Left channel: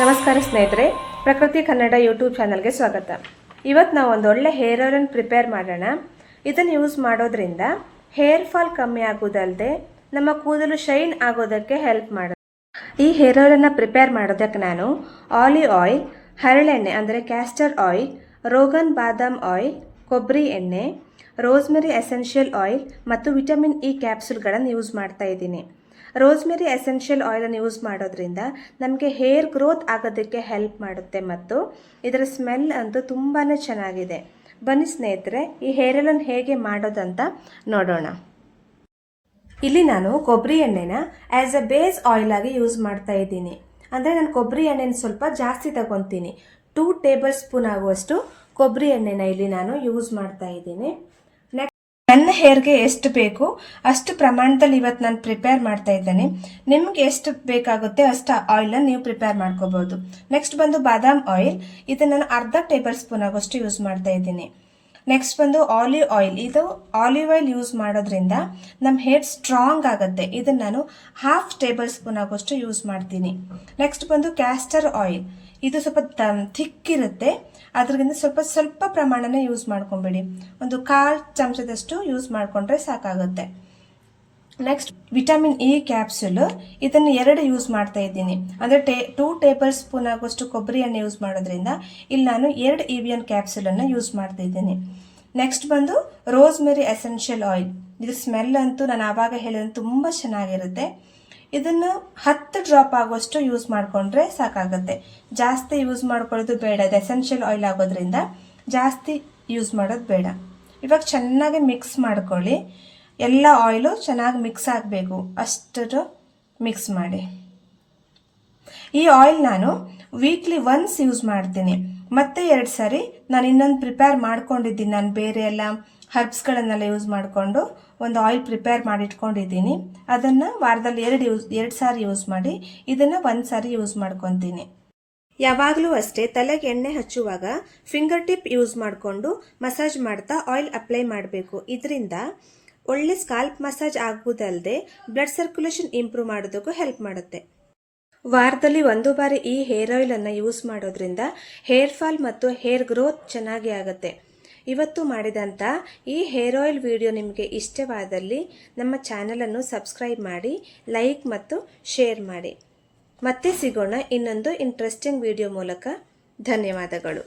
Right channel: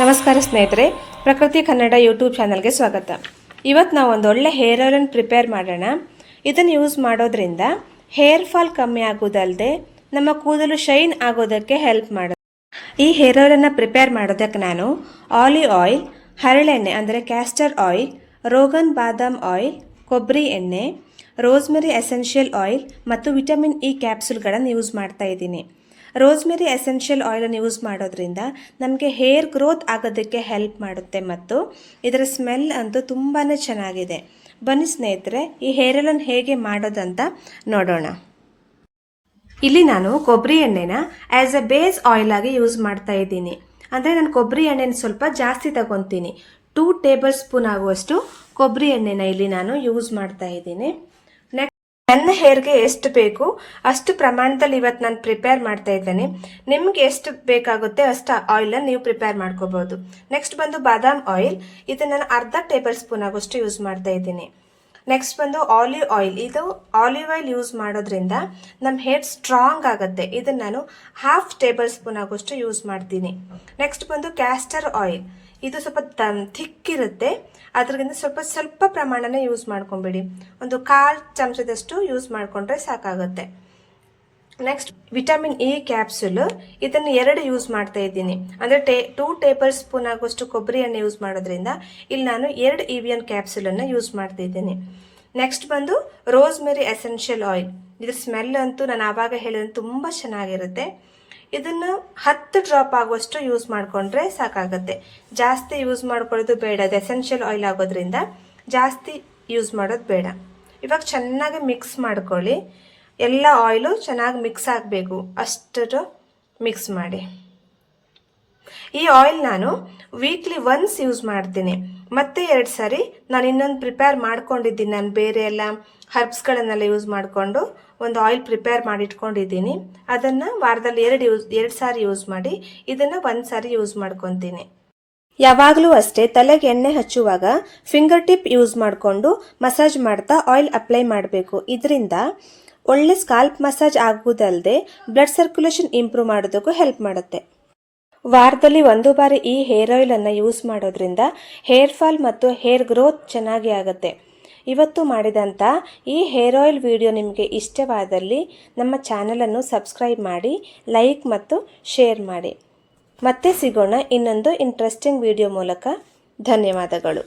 ನಮಸ್ಕಾರ ಸ್ನೇಹಿತರೆ, ಪ್ರಕೃತಿ ಕನ್ನಡ ಯೂಟ್ಯೂಬ್ ಚಾನಲ್ಗೆ ಸ್ವಾಗತ. ಇವತ್ತು ನಾವು ಒಂದು ಒಳ್ಳೆ ಹೇರ್ ಆಯಿಲನ್ನು ಪ್ರಿಪೇರ್ ಮಾಡೋಣ. ಇದನ್ನು ಯೂಸ್ ಮಾಡೋದ್ರಿಂದ ಹೇರ್ ಫಾಲ್ ಕಮ್ಮಿ ಆಗೋದಲ್ಲದೆ ನಮ್ಮ ಕೂದಲು ಶೈನ್ ಆಗೋದಕ್ಕೆ ಹೆಲ್ಪ್ ಮಾಡುತ್ತೆ. ಈ ಹೇರ್ ಆಯಿಲನ್ನು ಪ್ರಿಪೇರ್ ಮಾಡೋದಕ್ಕೆ ನಾನು ಆಲಿವ್ ಆಯಿಲ್, ಹರಳೆಣ್ಣೆ ಅಂದರೆ ಕ್ಯಾಸ್ಟರ್ ಆಯಿಲ್, ರೋಗನ್ ಬಾದಾಮ್ ಆಯಿಲ್, ಕೊಬ್ಬರಿ ಎಣ್ಣೆ, ರೋಸ್ಮೆರಿ ಎಸೆನ್ಷಿಯಲ್ ಆಯಿಲ್ ಮತ್ತು ವಿಟಮಿನ್ ಇ ಕ್ಯಾಪ್ಸೂಲ್ಗಳನ್ನು ಯೂಸ್ ಮಾಡ್ತಾ ಇದ್ದೀನಿ. ರೋಸ್ಮೆರಿ ಎಸೆನ್ಷಿಯಲ್ ಆಯಿಲನ್ನು ಯೂಸ್ ಮಾಡೋದ್ರಿಂದ ನಮಗೆ ಹೇರ್ ಗ್ರೋತ್ ಆಗೋದಕ್ಕೆ ಹೆಲ್ಪ್ ಮಾಡುತ್ತೆ ಮತ್ತು ಇದರ ಸ್ಮೆಲ್ ಅಂತೂ ತುಂಬಾ ಚೆನ್ನಾಗಿದೆ. ಬನ್ನಿ ಸ್ನೇಹಿತರೆ, ಈ ಹೇರ್ ಆಯಿಲನ್ನು ಹೇಗೆ ಮಾಡೋದಂತ ನೋಡೋಣ. ಇಲ್ಲಿ ನಾನು ಕೊಬ್ಬರಿ ಎಣ್ಣೆನ ಆ್ಯಸ್ ಅ ಬೇಸ್ ಆಯಿಲ್ ಆಗಿ ಯೂಸ್ ಮಾಡ್ತಾ ಇದ್ದೀನಿ. ಅಂದರೆ ನಾನು ಕೊಬ್ಬರಿ ಎಣ್ಣೆನ ಸ್ವಲ್ಪ ಜಾಸ್ತಿ ತಗೊತೀನಿ. 2 ಟೇಬಲ್ ಸ್ಪೂನ್ ಆಗುವಷ್ಟು ಕೊಬ್ಬರಿ ಎಣ್ಣೆನ ಇಲ್ಲಿ ನಾನು ಯೂಸ್ ಮಾಡ್ತಾ ಇದ್ದೀನಿ. ನನ್ನ ಹೇರ್ಗೆ ಎಷ್ಟು ಬೇಕು ಅಷ್ಟು ಪ್ರಮಾಣದಲ್ಲಿ ಇವತ್ತು ನಾನು ಪ್ರಿಪೇರ್ ಮಾಡ್ತಾ ಇದ್ದೇನೆ. ನಿಮ್ಗೆ ಎಷ್ಟು ಬೇಕಾಗುತ್ತೆ ಅಷ್ಟು ಆಯಿಲನ್ನು ನೀವು ಪ್ರಿಪೇರ್ ಮಾಡ್ಕೋಬಹುದು. ನೆಕ್ಸ್ಟ್ ಬಂದು ಬಾದಾಮ್ ಆಯಿಲ್, ಇದನ್ನು ನಾನು ಅರ್ಧ ಟೇಬಲ್ ಸ್ಪೂನ್ ಆಗೋಷ್ಟು ಯೂಸ್ ಮಾಡ್ತಾ ಇದ್ದೀನಿ. ನೆಕ್ಸ್ಟ್ ಬಂದು ಆಲಿವ್ ಆಯಿಲ್, ಇದು ಆಲಿವ್ ಆಯಿಲ್ ಯೂಸ್ ಮಾಡೋದ್ರಿಂದ ನಮ್ಮ ಹೇರ್ ಸ್ಟ್ರಾಂಗ್ ಆಗುತ್ತೆ. ಇದನ್ನು ನಾನು ಹಾಫ್ ಟೇಬಲ್ ಸ್ಪೂನ್ ಆಗೋಷ್ಟು ಯೂಸ್ ಮಾಡ್ತೀನಿ. ನೆಕ್ಸ್ಟ್ ಬಂದು ಕ್ಯಾಸ್ಟರ್ ಆಯಿಲ್, ಇದು ಸ್ವಲ್ಪ ಥಿಕ್ ಇರುತ್ತೆ, ಅದ್ರಿಂದ ಸ್ವಲ್ಪ ಪ್ರಮಾಣನ ಯೂಸ್ ಮಾಡ್ಕೊಂಬಿಡಿ. ಒಂದು 1/4 ಚಮಚದಷ್ಟು ಯೂಸ್ ಮಾಡಿಕೊಂಡ್ರೆ ಸಾಕಾಗುತ್ತೆ. ನೆಕ್ಸ್ಟ್ ವಿಟಮಿನ್ ಇ ಕ್ಯಾಪ್ಸೂಲ್, ಇದನ್ನು 2 ಯೂಸ್ ಮಾಡ್ತಾ ಇದ್ದೀನಿ. ಅಂದರೆ 2 ಟೇಬಲ್ ಸ್ಪೂನ್ ಆಗುವಷ್ಟು ಕೊಬ್ಬರಿ ಎಣ್ಣೆ ಯೂಸ್ ಮಾಡೋದ್ರಿಂದ ಇಲ್ಲಿ ನಾನು 2 EVN ಕ್ಯಾಪ್ಸೂಲನ್ನು ಯೂಸ್ ಮಾಡ್ತಾ ಇದ್ದೀನಿ. ನೆಕ್ಸ್ಟ್ ಬಂದು ರೋಸ್ಮೆರಿ ಎಸೆನ್ಷಿಯಲ್ ಆಯಿಲ್, ಇದ್ರ ಸ್ಮೆಲ್ ಅಂತೂ ನಾನು ಆವಾಗ ಹೇಳಿದ್ರೆ ತುಂಬ ಚೆನ್ನಾಗಿರುತ್ತೆ. ಇದನ್ನು 10 ಡ್ರಾಪ್ ಆಗುವಷ್ಟು ಯೂಸ್ ಮಾಡಿಕೊಂಡ್ರೆ ಸಾಕಾಗುತ್ತೆ. ಜಾಸ್ತಿ ಯೂಸ್ ಮಾಡ್ಕೊಳ್ಳೋದು ಬೇಡ, ಇದು ಎಸೆನ್ಷಿಯಲ್ ಆಯಿಲ್ ಆಗೋದ್ರಿಂದ ಜಾಸ್ತಿ ಯೂಸ್ ಮಾಡೋದು ಬೇಡ. ಇವಾಗ ಚೆನ್ನಾಗಿ ಮಿಕ್ಸ್ ಮಾಡ್ಕೊಳ್ಳಿ. ಎಲ್ಲ ಆಯಿಲು ಚೆನ್ನಾಗಿ ಮಿಕ್ಸ್ ಆಗಬೇಕು, ಅಷ್ಟು ಮಿಕ್ಸ್ ಮಾಡಿ. ಈ ಆಯಿಲ್ ನಾನು ವೀಕ್ಲಿ ಒನ್ಸ್ ಯೂಸ್ ಮಾಡ್ತೀನಿ. ಮತ್ತೆ 2 ಸಾರಿ ನಾನು ಇನ್ನೊಂದು ಪ್ರಿಪೇರ್ ಮಾಡ್ಕೊಂಡಿದ್ದೀನಿ. ನಾನು ಬೇರೆ ಎಲ್ಲ ಹರ್ಬ್ಸ್ಗಳನ್ನೆಲ್ಲ ಯೂಸ್ ಮಾಡಿಕೊಂಡು ಒಂದು ಆಯಿಲ್ ಪ್ರಿಪೇರ್ ಮಾಡಿ ಇಟ್ಕೊಂಡಿದ್ದೀನಿ. ಅದನ್ನು ವಾರದಲ್ಲಿ 2 ಸಾರಿ ಯೂಸ್ ಮಾಡಿ, ಇದನ್ನು 1 ಸಾರಿ ಯೂಸ್ ಮಾಡ್ಕೊತೀನಿ. ಯಾವಾಗಲೂ ಅಷ್ಟೇ ತಲೆಗೆ ಎಣ್ಣೆ ಹಚ್ಚುವಾಗ ಫಿಂಗರ್ ಟಿಪ್ ಯೂಸ್ ಮಾಡಿಕೊಂಡು ಮಸಾಜ್ ಮಾಡ್ತಾ ಆಯಿಲ್ ಅಪ್ಲೈ ಮಾಡಬೇಕು. ಇದರಿಂದ ಒಳ್ಳೆ ಸ್ಕಾಲ್ಪ್ ಮಸಾಜ್ ಆಗುವುದಲ್ಲದೆ ಬ್ಲಡ್ ಸರ್ಕ್ಯುಲೇಷನ್ ಇಂಪ್ರೂವ್ ಮಾಡೋದಕ್ಕೂ ಹೆಲ್ಪ್ ಮಾಡುತ್ತೆ. ವಾರದಲ್ಲಿ 1 ಬಾರಿ ಈ ಹೇರ್ ಆಯಿಲನ್ನು ಯೂಸ್ ಮಾಡೋದ್ರಿಂದ ಹೇರ್ ಫಾಲ್ ಮತ್ತು ಹೇರ್ ಗ್ರೋತ್ ಚೆನ್ನಾಗಿ ಆಗುತ್ತೆ. ಇವತ್ತು ಮಾಡಿದಂಥ ಈ ಹೇರ್ ಆಯಿಲ್ ವಿಡಿಯೋ ನಿಮಗೆ ಇಷ್ಟವಾದಲ್ಲಿ ನಮ್ಮ ಚಾನಲನ್ನು ಸಬ್ಸ್ಕ್ರೈಬ್ ಮಾಡಿ, ಲೈಕ್ ಮತ್ತು ಶೇರ್ ಮಾಡಿ. ಮತ್ತೆ ಸಿಗೋಣ ಇನ್ನೊಂದು ಇಂಟ್ರೆಸ್ಟಿಂಗ್ ವಿಡಿಯೋ ಮೂಲಕ. ಧನ್ಯವಾದಗಳು.